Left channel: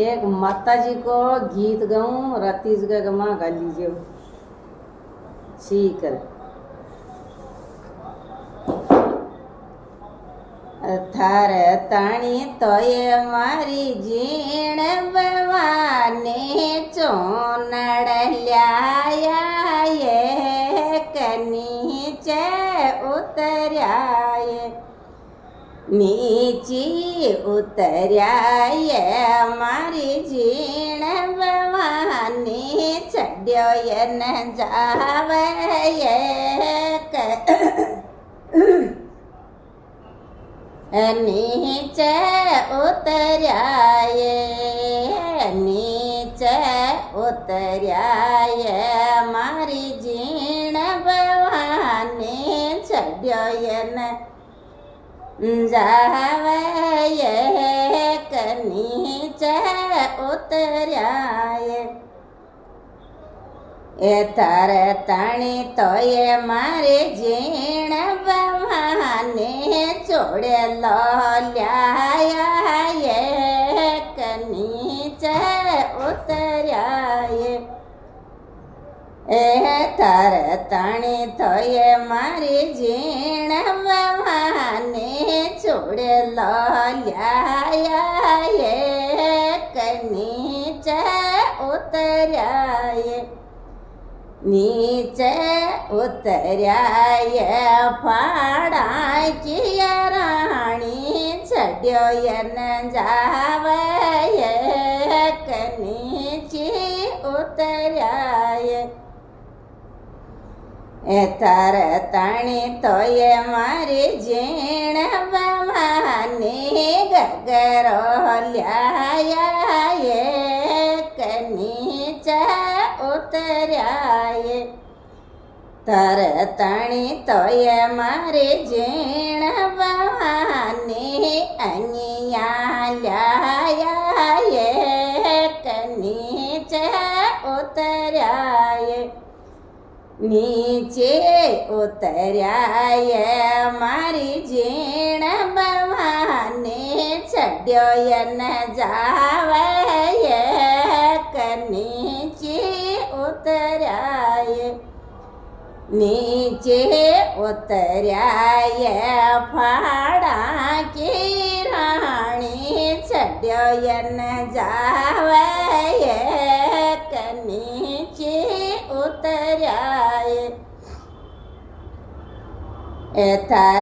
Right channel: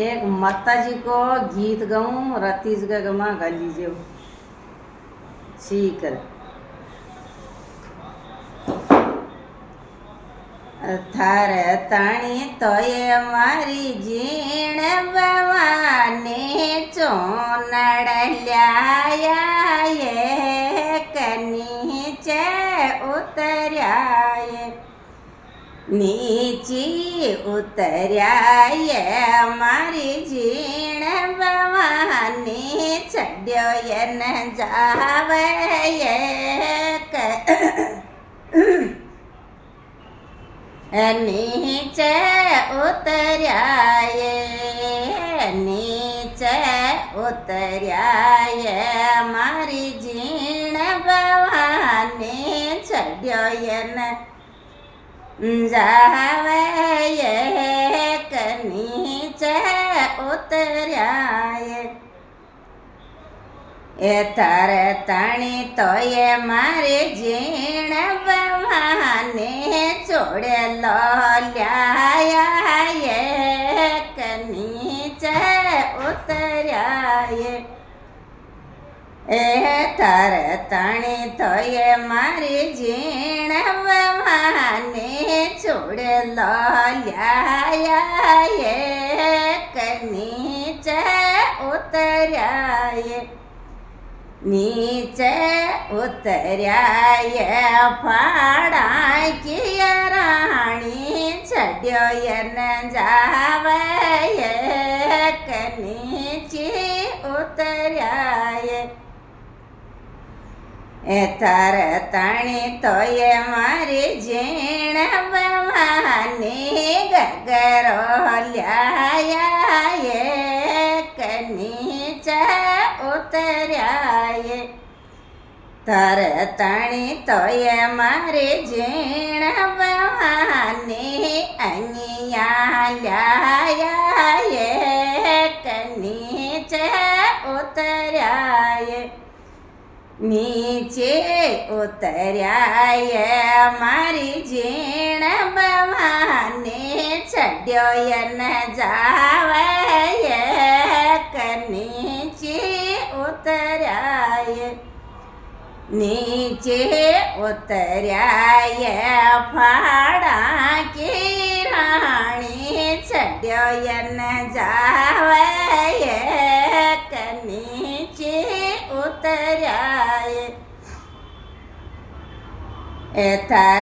एक माताजी को गीत गाऊं रतीज गमा गा लीजिए सीकर थार ताणी तो ये मारी जीण बवाने चोनड़ ल्याया ये कनीचे उतर्या ये नीची उतर्या ये मारी जीण बवानी चढ़्यो ये न जावे ये नीचे उतर्या ये नीचे उतर्या ये मारी जीण बवानी चढ़्यो ये न जावे ये नीचे उतर्या ये तारे ताणी तो ये मारे जीण बवाने छोड़े लो ल्याया ये नीचे उतर्या ये तारे ताणी तो ये मारी जीण बवाने छोड़े लो ल्याया ये नीचे उतर्या ये नीचे उतर्या ये फाड़ा की रानी चढ़्यो ये न जावे ये नीचे उतर्या ये तार ताणी तो ये मारी जीण बवानी गगरो ल्याया ये नीचे उतर्या ये तार ताणी तो ये मारी जीण बवानी अनिया ल्याया ये नीचे उतर्या ये नीचे उतर्या ये मारी जीण बवानी चढ़्यो ये न जावे ये नीचे उतर्या ये नीचे उतर्या ये फाड़ा की रानी चढ़्यो ये न जावे ये नीचे उतर्या ये